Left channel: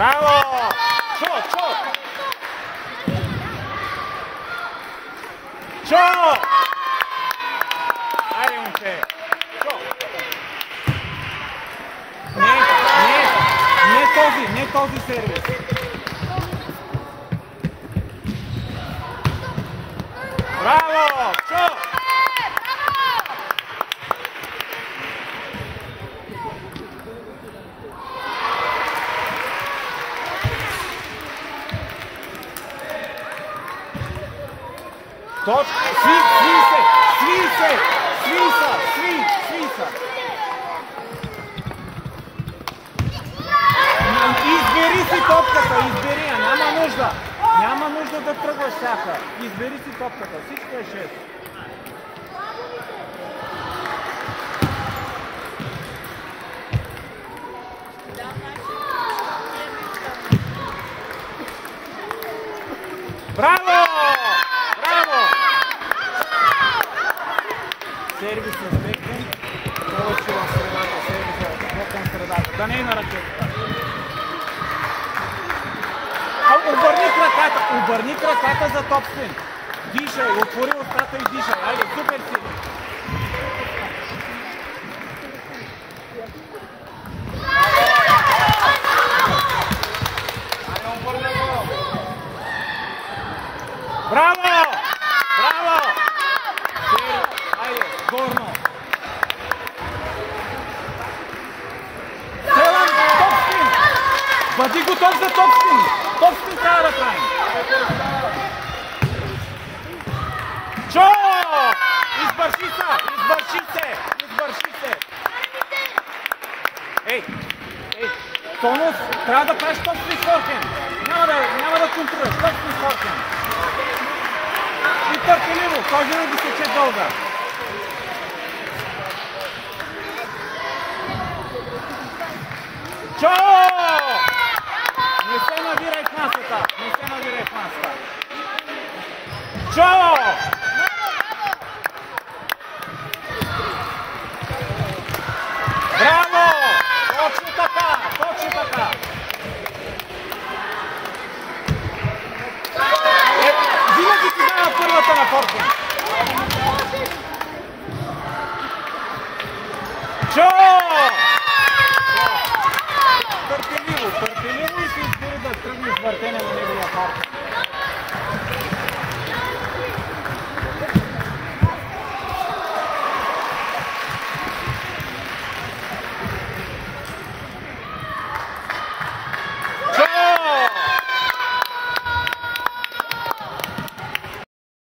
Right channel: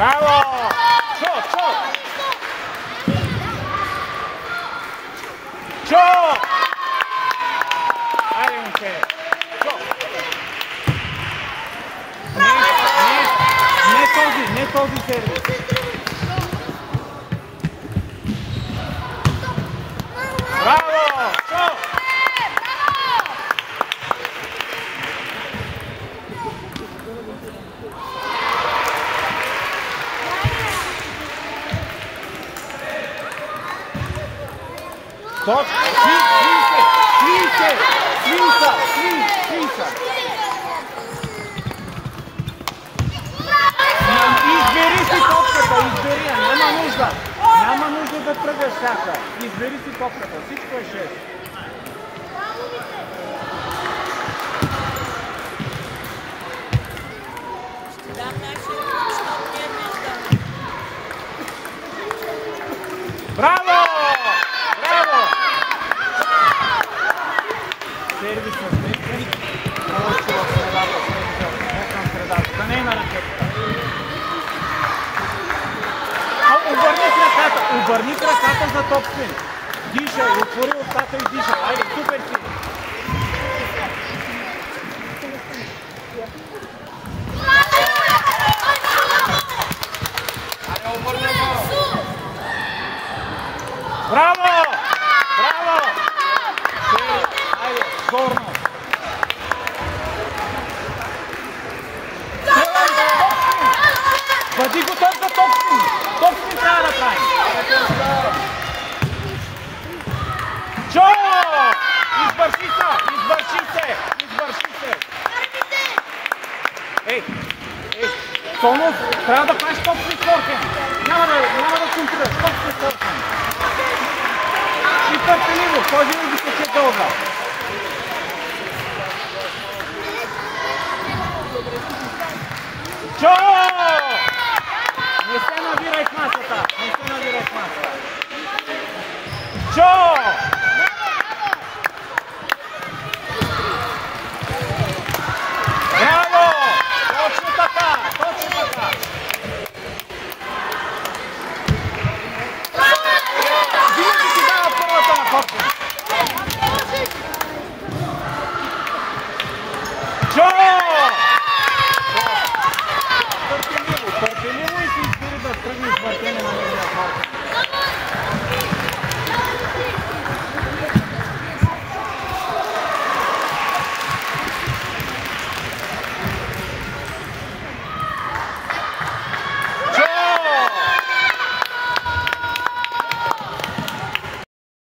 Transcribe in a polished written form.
Браво! Чо! Айде, момче! Не този сервис. Браво! Чо! Свиса! Избери си топката, няма нужда да тръгваш всяка. Избери си топката, всичко е 6. Браво! Сервис на сметен, повече в средата, не към средата, да не е на ракетата. Обърни краката за топспин. Дишай, отвори устата и дишай. Айде, супер си! Браво! Айде, горно! Топспин! Бъди готов за топспин! Топспин трябва да правим! Чо! Извърши се! Ей! Тонов, трябва да правиш топспин форхенд! Няма да контролираш, топспин форхенд! И търпеливо, кой винаги се че дълга. Чо! Не се навирай в масата! Чо!